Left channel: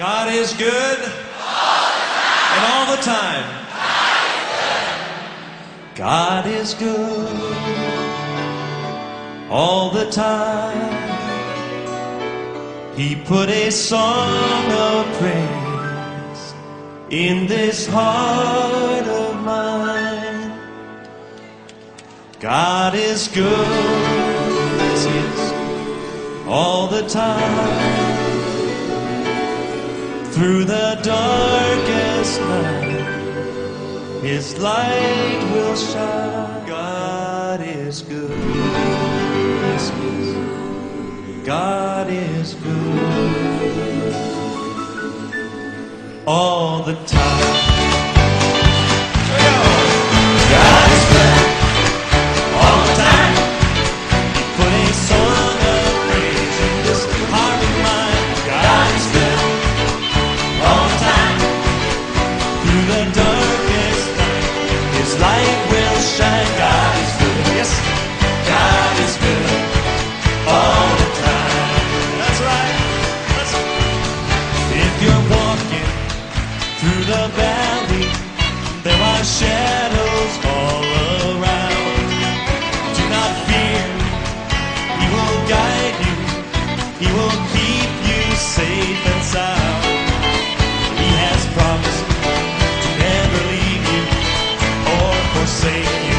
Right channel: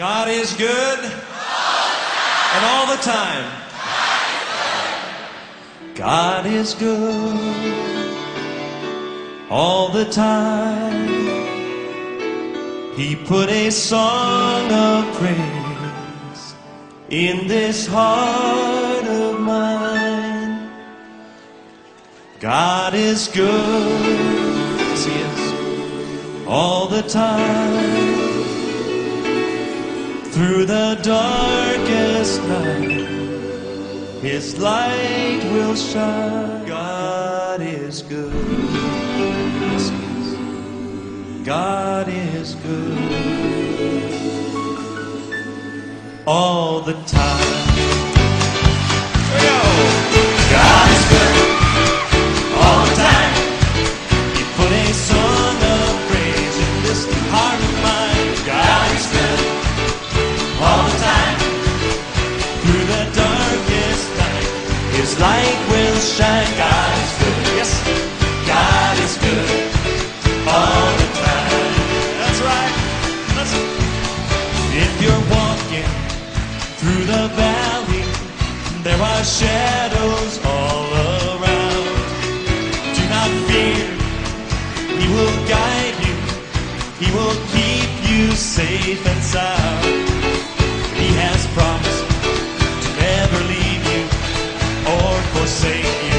God is good and all the time. God is good all the time. He put a song of praise in this heart of mine. God is good, yes He is, all the time. Through the darkest night, His light will shine. God is good, yes He is. God is good all the time. Here we go. God is good all the time. He put a song of praise in this heart of mine. God is good all the time. Through the darkest night, His light will shine. God is good, yes, God is good all the time. That's right. If you're walking through the valley, there are shadows all around. Do not fear, He will guide you. He will keep you safe and sound. He has promised to never leave you or forsake you.